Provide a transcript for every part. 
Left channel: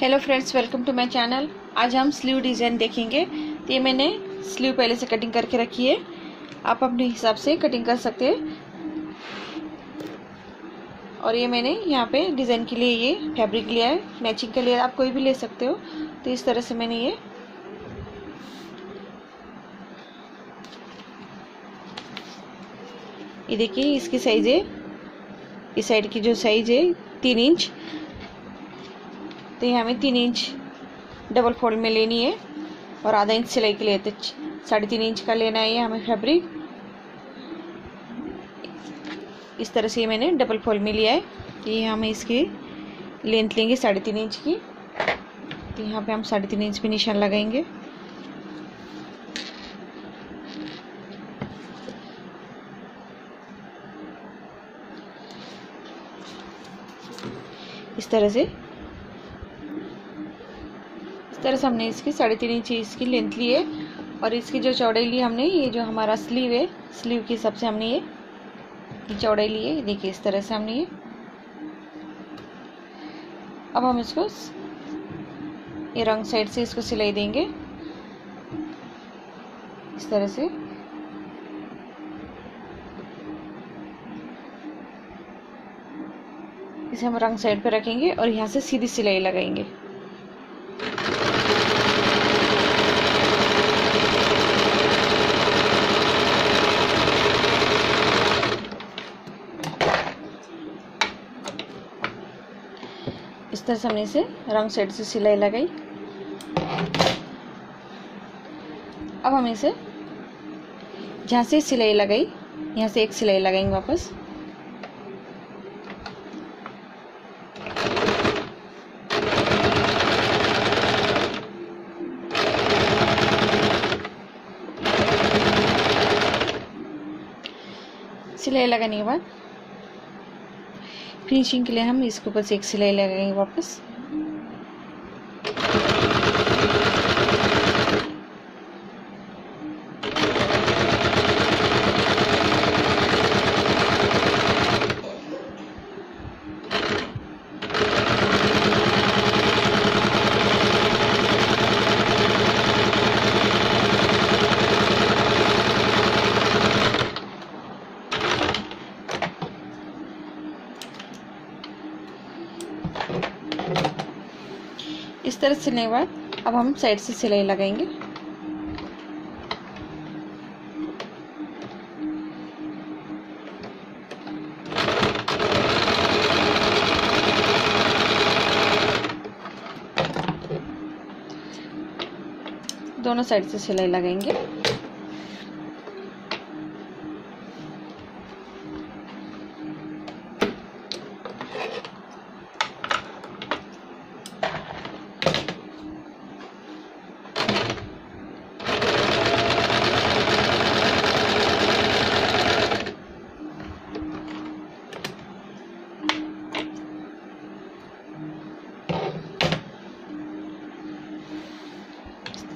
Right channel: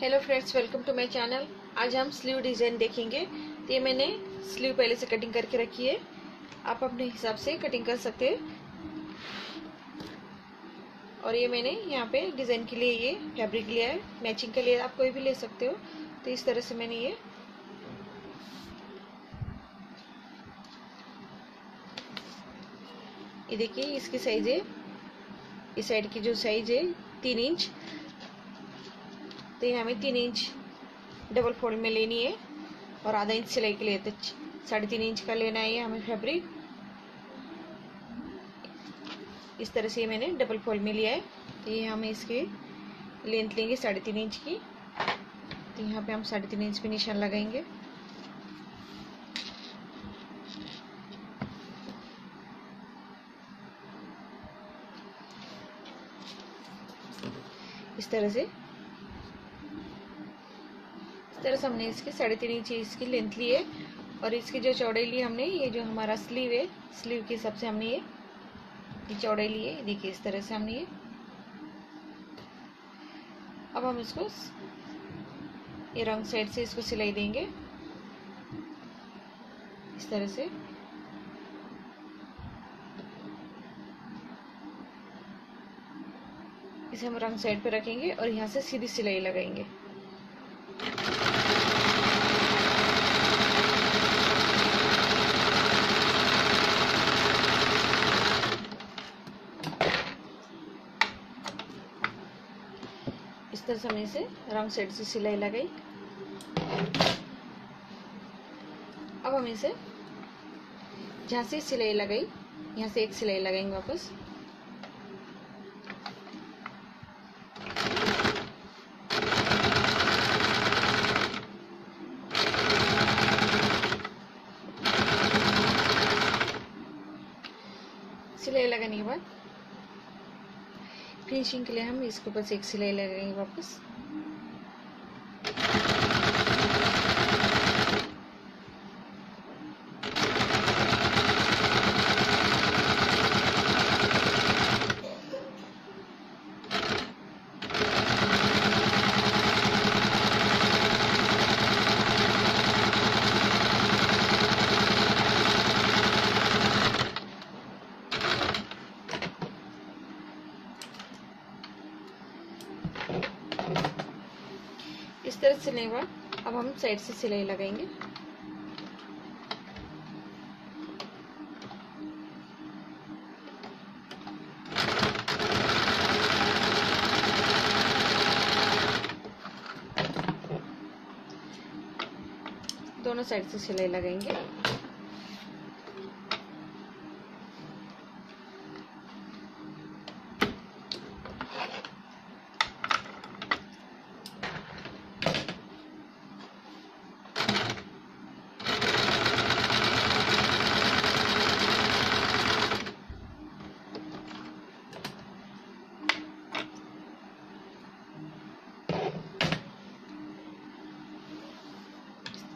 Hello friends, welcome to my channel. आज हम sleeve design देखेंगे। तो ये मैंने स्लीव पहले से कटिंग करके रखी है। आप अपने हिसाब से कटिंग कर सकते हैं। और ये मैंने यहाँ पे डिज़ाइन के लिए ये फैब्रिक लिया है। मैचिंग के लिए आप कोई भी ले सकते हो। तो इस तरह से मैंने ये देखिए, इसकी साइज़ है, इस साइड की जो साइज़ है 3 इंच। तो ये हमें 3 इंच डबल फोल्ड में लेनी है और आधा इंच सिलाई के लिए तो 3.5 इंच का लेना है ये हमें फैब्रिक। इस तरह से ये मैंने डबल फोल्ड में लिया है। ये हमें इसकी लेंथ लेंगे 3.5 इंच की। तो यहाँ पे हम 3.5 इंच पे निशान लगाएंगे। इस तरह से हमने इसकी 3.5 इंच इसकी लेंथ ली है। और इसकी जो चौड़ाई ली हमने, ये जो हमारा स्लीव है, स्लीव के हिसाब से हमने ये चौड़ाई ली है। देखिए इस तरह से हमने ये। अब हम इसको ये रंग साइड से इसको सिलाई देंगे इस तरह से। इसे हम रंग साइड पे रखेंगे और यहाँ से सीधी सिलाई लगाएंगे। इस तरह से हमने इसे रंग साइड से सिलाई लगाई। अब हम इसे जहाँ से सिलाई लगाई, यहाँ से एक सिलाई लगाएंगे वापस। सिलाई लगाने के बाद फिनिशिंग के लिए हम इसके ऊपर से एक सिलाई लगाएंगे वापस। इस तरह सिलने के बाद अब हम साइड से सिलाई लगाएंगे। दोनों साइड से सिलाई लगाएंगे।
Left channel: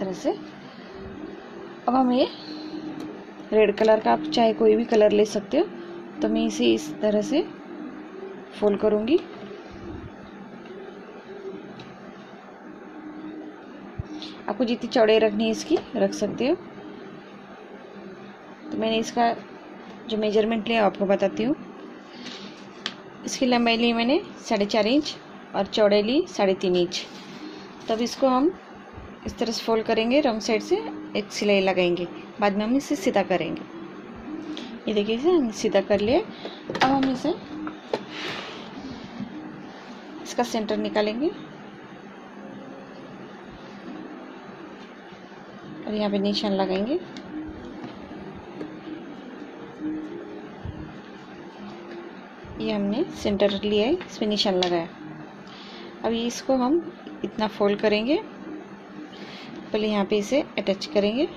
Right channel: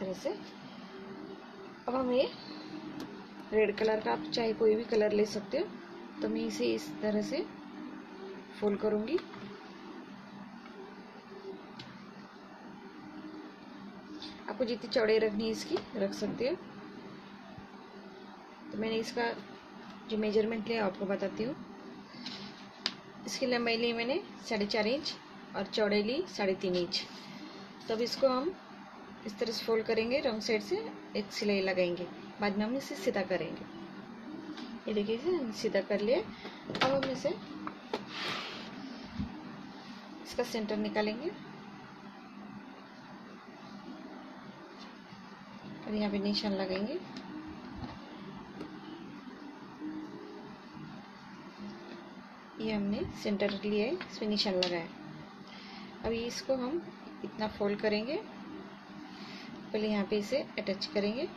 तरह से अब हम ये रेड कलर का, आप चाहे कोई भी कलर ले सकते हो। तो मैं इसे इस तरह से फोल्ड करूंगी। आपको जितनी चौड़ाई रखनी है इसकी रख सकते हो। तो मैंने इसका जो मेजरमेंट लिया आपको बताती हूँ। इसकी लंबाई ली मैंने 4.5 इंच और चौड़ाई ली 3.5 इंच। तब इसको हम इस तरह से फोल्ड करेंगे, रंग साइड से एक सिलाई लगाएंगे। बाद में हम इसे सीधा करेंगे। ये देखिए, इसे हम सीधा कर लिए। अब हम इसे इसका सेंटर निकालेंगे और यहाँ पे निशान लगाएंगे। ये हमने सेंटर लिया है, इस पे निशान लगाया। अब इसको हम इतना फोल्ड करेंगे। पहले यहाँ पे इसे अटैच करेंगे।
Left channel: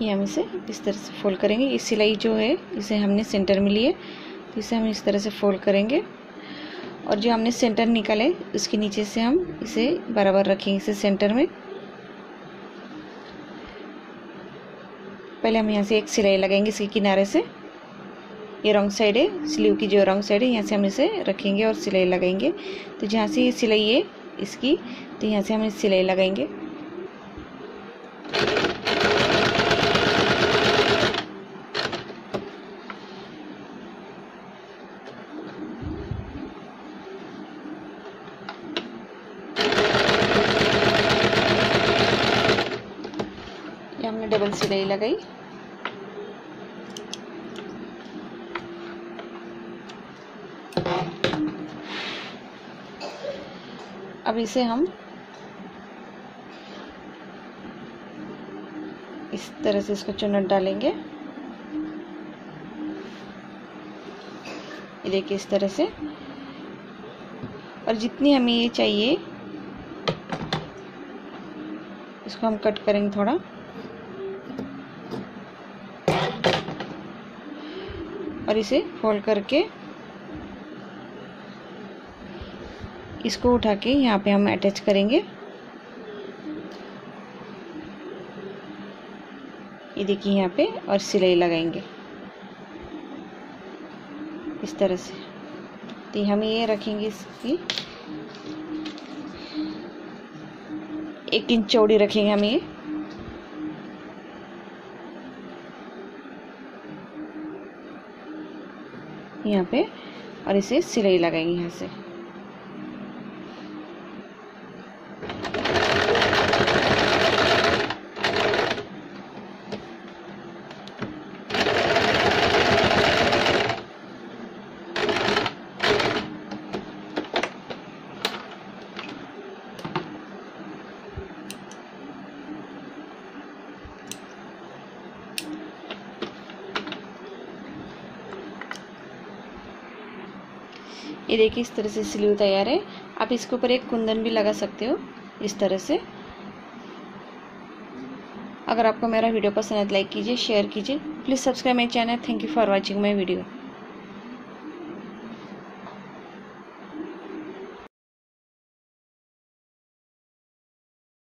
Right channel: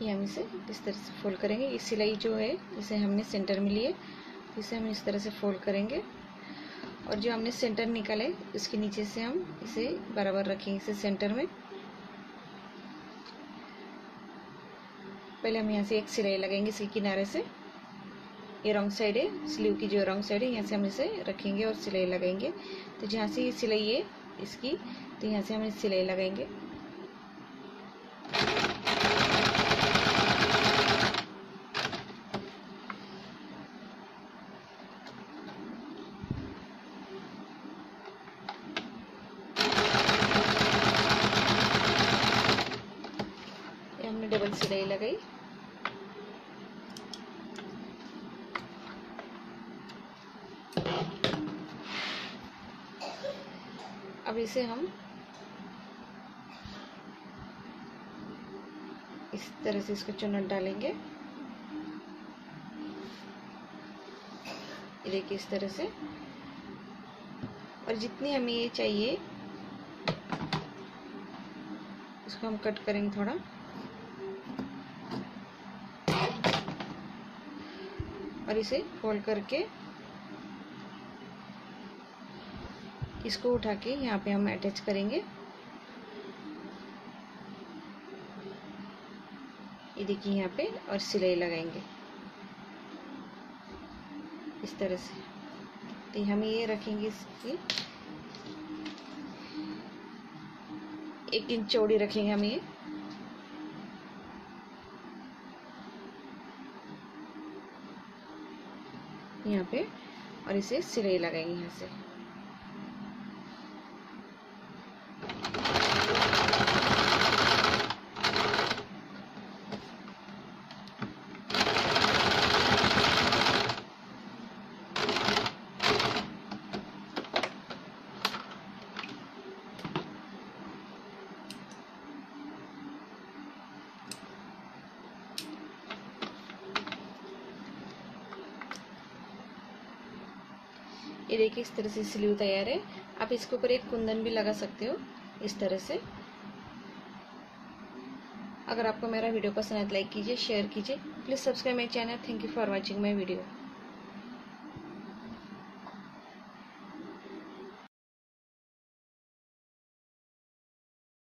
ये हम इसे इस तरह से फोल्ड करेंगे। ये सिलाई जो है इसे हमने सेंटर में लिए, तो इसे हम इस तरह से फोल्ड करेंगे। और जो हमने सेंटर निकाले उसके नीचे से हम इसे बराबर रखेंगे, इसे सेंटर में। पहले हम यहाँ से एक सिलाई लगाएंगे इसके किनारे से। ये रॉन्ग साइड है, स्लीव की जो रॉन्ग साइड है, यहाँ से हम इसे रखेंगे और सिलाई लगाएंगे। तो जहाँ से ये सिलाई है इसकी, तो यहाँ से हम इस सिलाई लगाएंगे। ये हमने डबल सिलाई लगाई। अब इसे हम इस तरह से इसको चुन्नट डालेंगे। ये देखिए इस तरह से, और जितनी हमें ये चाहिए इसको हम कट करेंगे थोड़ा। और इसे फोल्ड करके इसको उठा के यहाँ पे हम अटैच करेंगे। ये देखिए यहाँ पे, और सिलाई लगाएंगे इस तरह से। तो हम ये रखेंगे, इसकी 1 इंच चौड़ी रखेंगे हम ये। यहाँ पे, और इसे सिलाई लगाएंगे यहाँ से। ये देखिए इस तरह से स्लीव तैयार है। आप इसके ऊपर एक कुंदन भी लगा सकते हो इस तरह से। अगर आपको मेरा वीडियो पसंद है तो लाइक कीजिए, शेयर कीजिए। Please subscribe my channel. Thank you for watching my video.